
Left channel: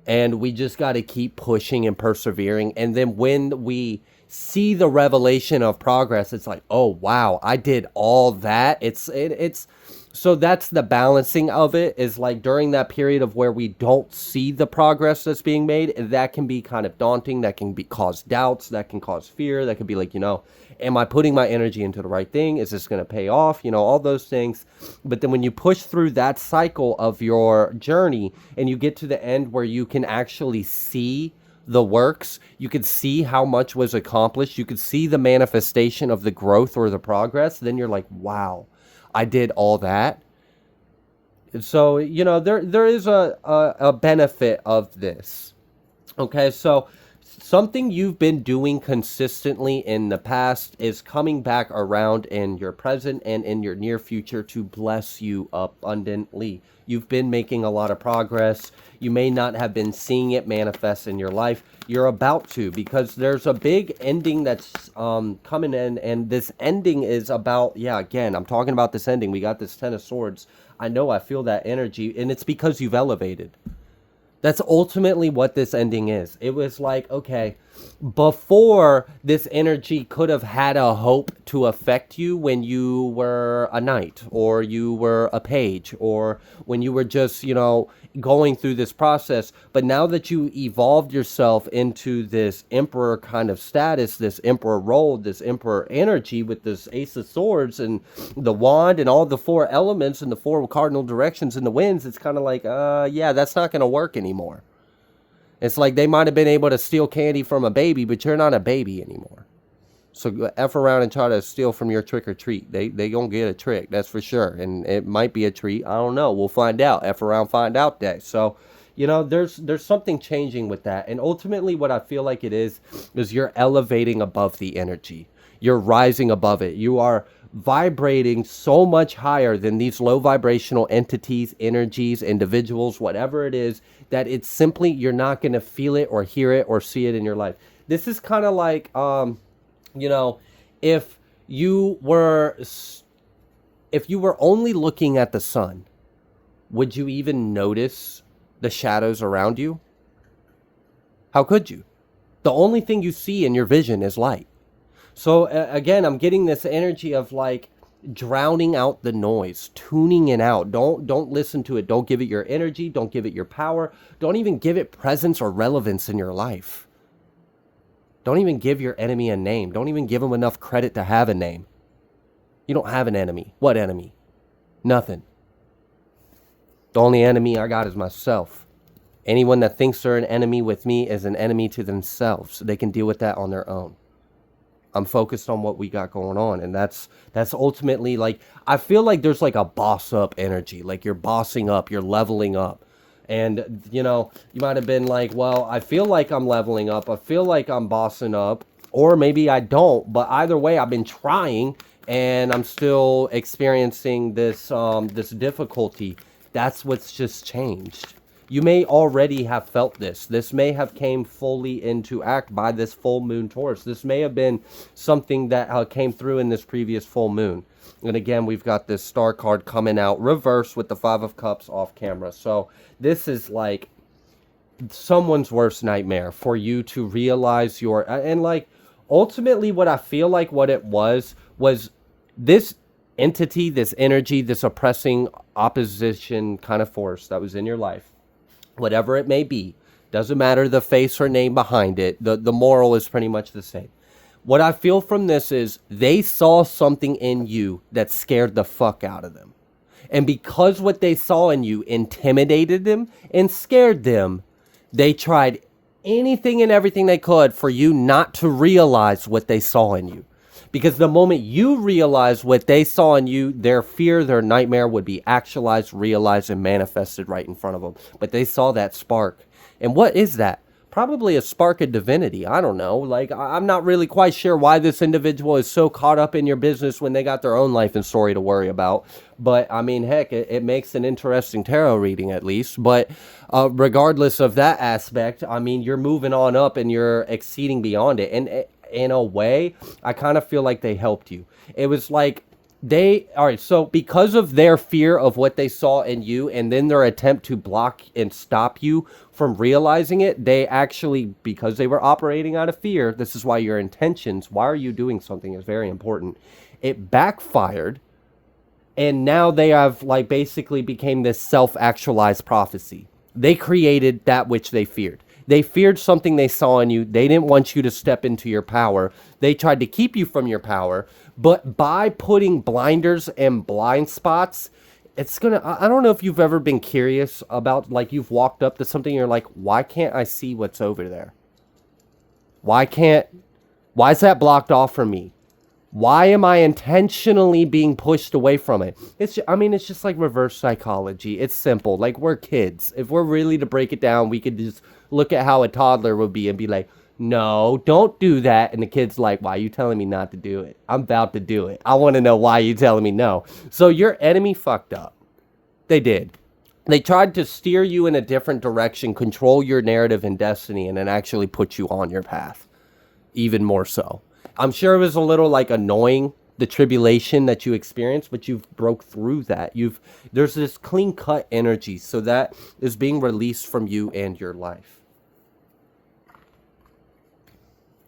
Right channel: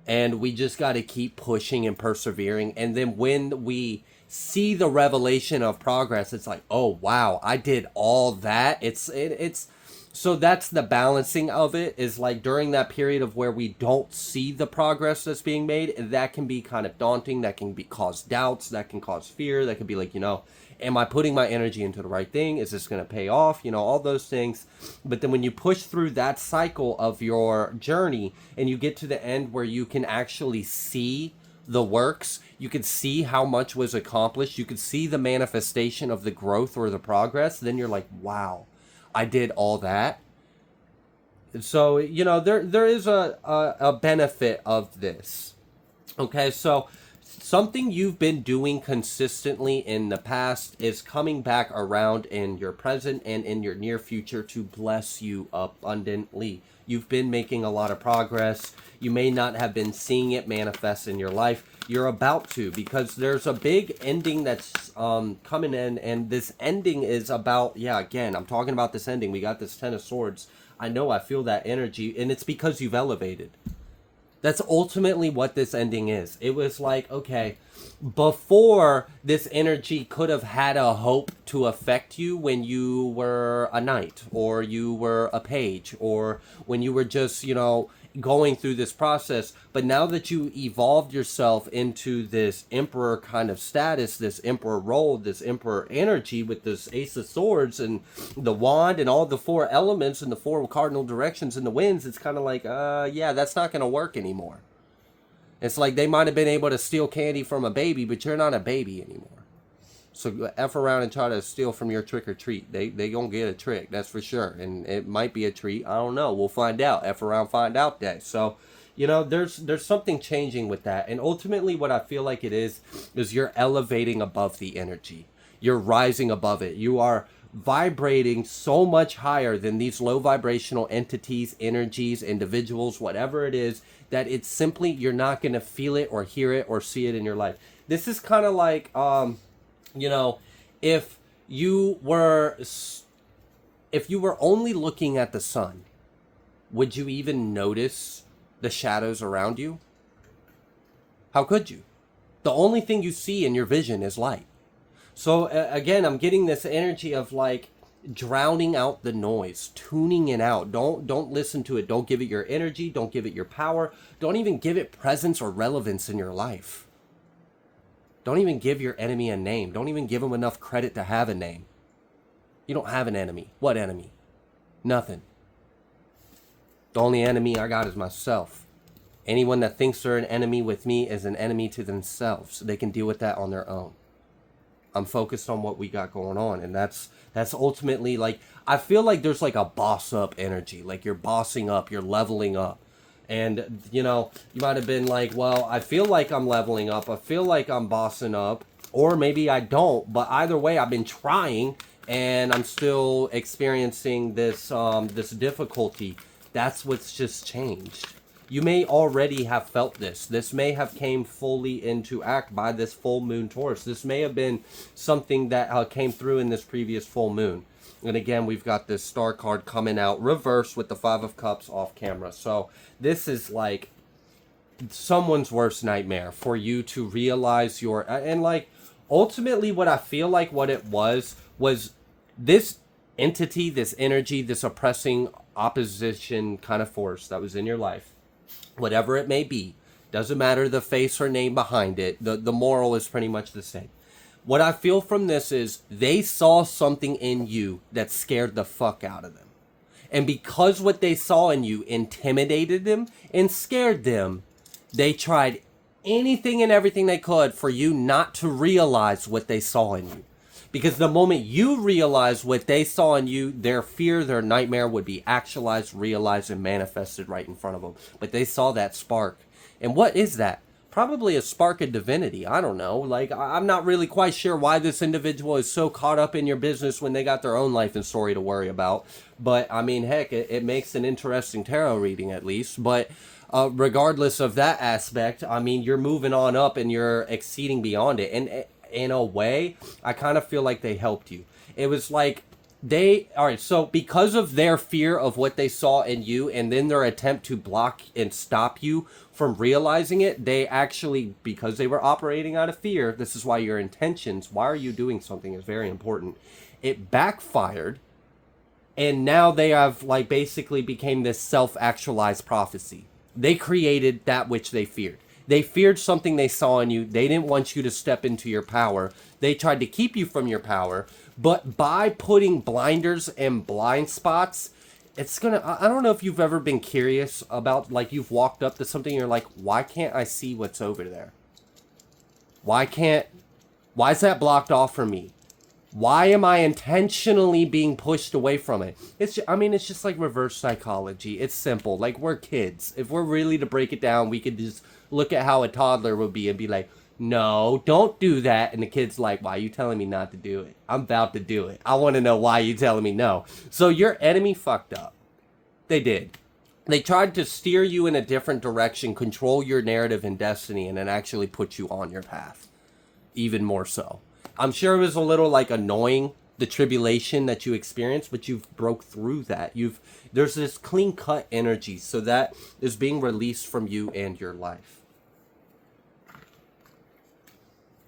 And we just got to keep pushing and persevering. And then when we see the revelation of progress, it's like, oh, wow, I did all that. It's so that's the balancing of it, is like, during that period of where we don't see the progress that's being made, that can be kind of daunting. That can cause doubts. That can cause fear. That could be like, you know, am I putting my energy into the right thing? Is this going to pay off? You know, all those things. But then when you push through that cycle of your journey and you get to the end where you can actually see the works, you can see how much was accomplished, you can see the manifestation of the growth or the progress, then you're like, wow, I did all that. And so, you know, there is a benefit of this. Okay, so something you've been doing consistently in the past is coming back around in your present and in your near future to bless you abundantly. You've been making a lot of progress. You may not have been seeing it manifest in your life. You're about to, because there's a big ending that's coming in, and this ending is about, yeah, again, I'm talking about this ending. We got this Ten of Swords. I know, I feel that energy, and it's because you've elevated. That's ultimately what this ending is. It was like, okay, before, this energy could have had a hope to affect you when you were a knight, or you were a page, or when you were just, you know, going through this process. But now that you evolved yourself into this emperor kind of status, this emperor role, this emperor energy with this Ace of Swords and the wand and all the four elements and the four cardinal directions and the winds, it's kind of like, yeah, that's not going to work anymore. It's like they might have been able to steal candy from a baby, but you're not a baby anymore. So F around and try to steal from your trick or treat. They gonna get a trick, that's for sure. And it might be a treat. I don't know. We'll find out. F around, find out day. So, you know, there's something changing with that. And ultimately what I feel like it is you're elevating above the energy. You're rising above it. You are vibrating so much higher than these low vibrational entities, energies, individuals, whatever it is, that it's simply, you're not going to feel it or hear it or see it in your life. This is kind of like, you know, if you were if you were only looking at the sun, would you even notice the shadows around you? How could you? The only thing you see in your vision is light. So again, I'm getting this energy of like drowning out the noise, tuning it out. Don't listen to it. Don't give it your energy. Don't give it your power. Don't even give it presence or relevance in your life. Don't even give your enemy a name. Don't even give them enough credit to have a name. You don't have an enemy. What enemy? Nothing. The only enemy I got is myself. Anyone that thinks they're an enemy with me is an enemy to themselves. They can deal with that on their own. I'm focused on what we got going on, and that's ultimately, like, I feel like there's like a boss up energy, like you're bossing up, you're leveling up. And you know, you might have been like, well, I feel like I'm leveling up, I feel like I'm bossing up, or maybe I don't, but either way I've been trying and I'm still experiencing this this difficulty. That's what's just changed. You may already have felt this. This may have came fully into act by this full moon Taurus. This may have been something that came through in this previous full moon. And again, we've got this star card coming out reverse with the Five of Cups off camera. So this is like someone's worst nightmare for you to realize your... And like, ultimately what I feel like what it was this entity, this energy, this oppressing opposition kind of force that was in your life. Whatever it may be, doesn't matter the face or name behind it, the moral is pretty much the same. What I feel from this is they saw something in you that scared the fuck out of them. And because what they saw in you intimidated them and scared them, they tried anything and everything they could for you not to realize what they saw in you. Because the moment you realize what they saw in you, their fear, their nightmare would be actualized, realized, and manifested right in front of them. But they saw that spark. And what is that? Probably a spark of divinity. I don't know. Like, I'm not really quite sure why this individual is so caught up in your business when they got their own life and story to worry about. But, I mean, heck, it makes an interesting tarot reading at least. But regardless of that aspect, I mean, you're moving on up and you're exceeding beyond it. And in a way, I kind of feel like they helped you. It was like all right, so because of their fear of what they saw in you and then their attempt to block and stop you from realizing it, they actually, because they were operating out of fear, this is why your intentions, why are you doing something, is very important. It backfired, and now they have like basically became this self-actualized prophecy. They created that which they feared. They feared something they saw in you. They didn't want you to step into your power. They tried to keep you from your power. But by putting blinders and blind spots, it's gonna... I don't know if you've ever been curious about, like, you've walked up to something and you're like, why can't I see what's over there? Why is that blocked off from me? Why am I intentionally being pushed away from it? It's just like reverse psychology. It's simple. Like, we're kids. If we're really to break it down, we could just look at how a toddler would be and be like, no, don't do that. And the kid's like, why are you telling me not to do it? I'm about to do it. I want to know why you're telling me no. So your enemy fucked up. They did. They tried to steer you in a different direction, control your narrative and destiny, and then actually put you on your path. Even more so. I'm sure it was a little like annoying, the tribulation that you experienced, but you've broke through that. There's this clean cut energy, so that is being released from you and your life.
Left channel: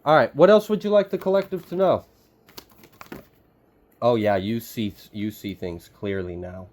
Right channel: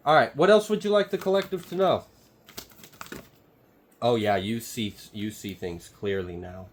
All right, what else would you like the collective to know? Oh yeah, you see things clearly now.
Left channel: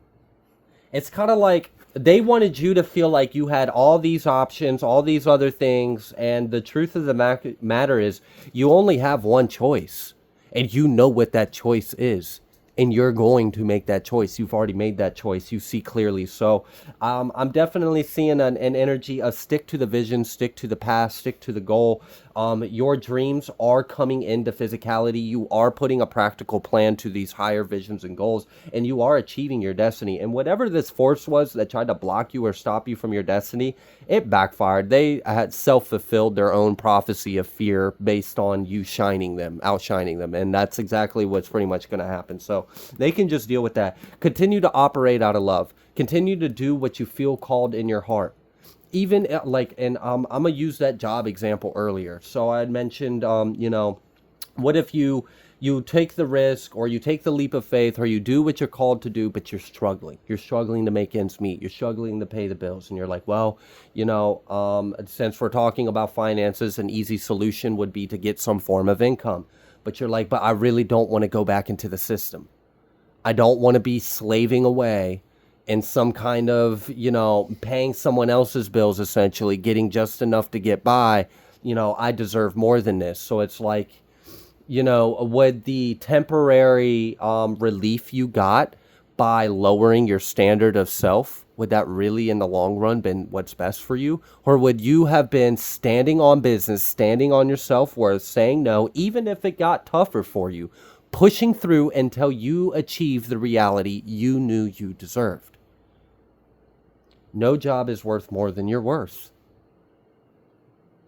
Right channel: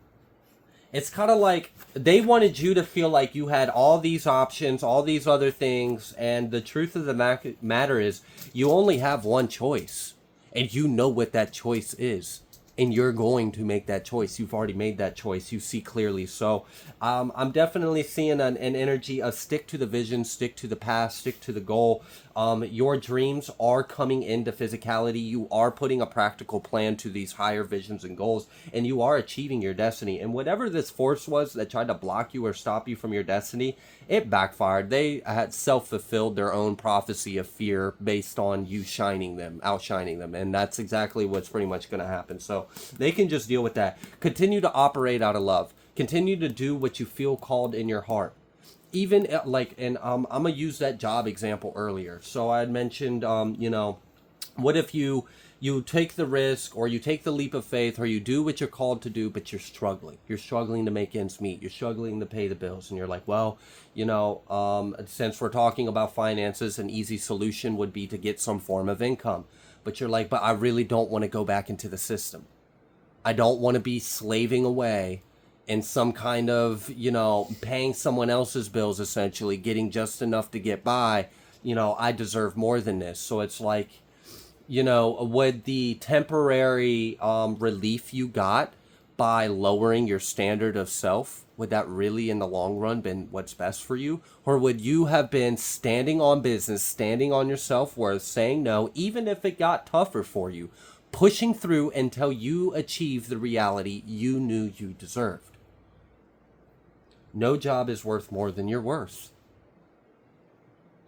It's kind of like they wanted you to feel like you had all these options, all these other things, and the truth of the matter is you only have one choice, and you know what that choice is, and you're going to make that choice. You've already made that choice. You see clearly. So I'm definitely seeing an energy of stick to the vision, stick to the past, stick to the goal. Your dreams are coming into physicality. You are putting a practical plan to these higher visions and goals, and you are achieving your destiny. And whatever this force was that tried to block you or stop you from your destiny, it backfired. They had self-fulfilled their own prophecy of fear based on you outshining them. And that's exactly what's pretty much going to happen. So they can just deal with that. Continue to operate out of love. Continue to do what you feel called in your heart. Even like, and I'm gonna use that job example earlier. So I had mentioned, what if you you take the risk, or you take the leap of faith, or you do what you're called to do, but you're struggling. You're struggling to make ends meet. You're struggling to pay the bills. And you're like, well, since we're talking about finances, an easy solution would be to get some form of income. But you're like, but I really don't want to go back into the system. I don't want to be slaving away in some kind of, paying someone else's bills, essentially, getting just enough to get by. I deserve more than this. So it's like, would the temporary relief you got by lowering your standard of self, would that really in the long run been what's best for you? Or would you have been standing on business, standing on your self-worth, saying no, even if it got tougher for you, pushing through until you achieved the reality you knew you deserved? No job is worth more than your worth.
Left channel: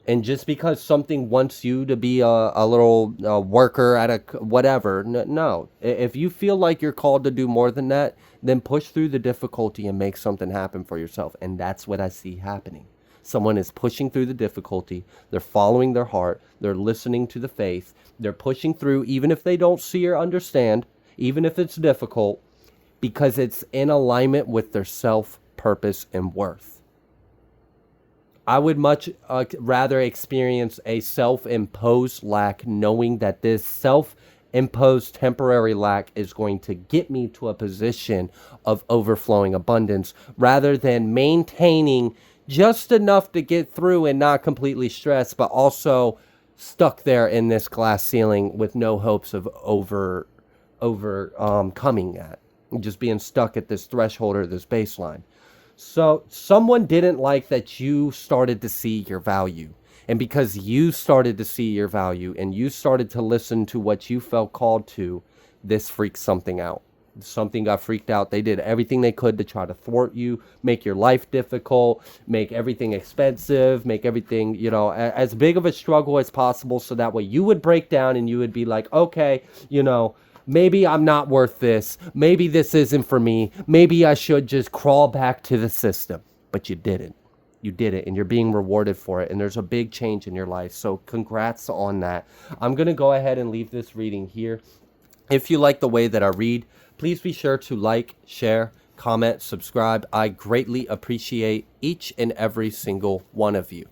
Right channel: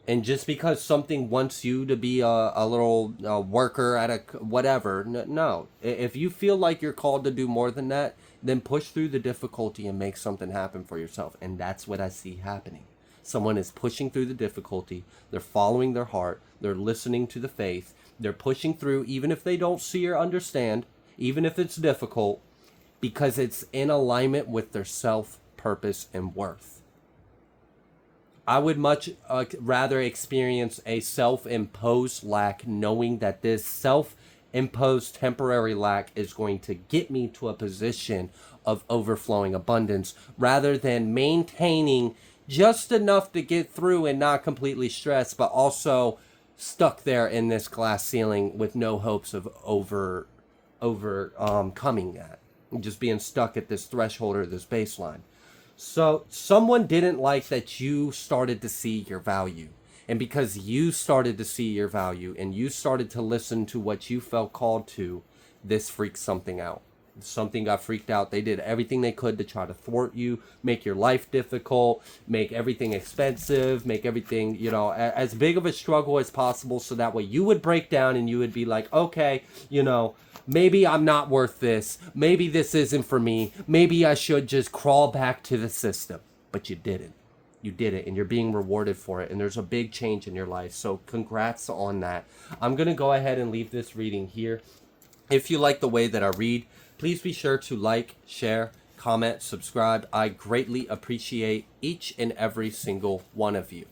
And just because something wants you to be a little worker at a whatever, no. If you feel like you're called to do more than that, then push through the difficulty and make something happen for yourself. And that's what I see happening. Someone is pushing through the difficulty. They're following their heart. They're listening to the faith. They're pushing through, even if they don't see or understand, even if it's difficult, because it's in alignment with their self, purpose, and worth. I would much rather experience a self-imposed lack, knowing that this self-imposed temporary lack is going to get me to a position of overflowing abundance, rather than maintaining just enough to get through and not completely stressed, but also stuck there in this glass ceiling with no hopes of overcoming that, just being stuck at this threshold or this baseline. So someone didn't like that you started to see your value. And because you started to see your value and you started to listen to what you felt called to, this freaked something out. Something got freaked out. They did everything they could to try to thwart you, make your life difficult, make everything expensive, make everything, as big of a struggle as possible, so that way you would break down and you would be like, okay, maybe I'm not worth this. Maybe this isn't for me. Maybe I should just crawl back to the system. But you didn't. You did it, and you're being rewarded for it, and there's a big change in your life. So congrats on that. I'm going to go ahead and leave this reading here. If you like the way that I read, please be sure to like, share, comment, subscribe. I greatly appreciate each and every single one of you.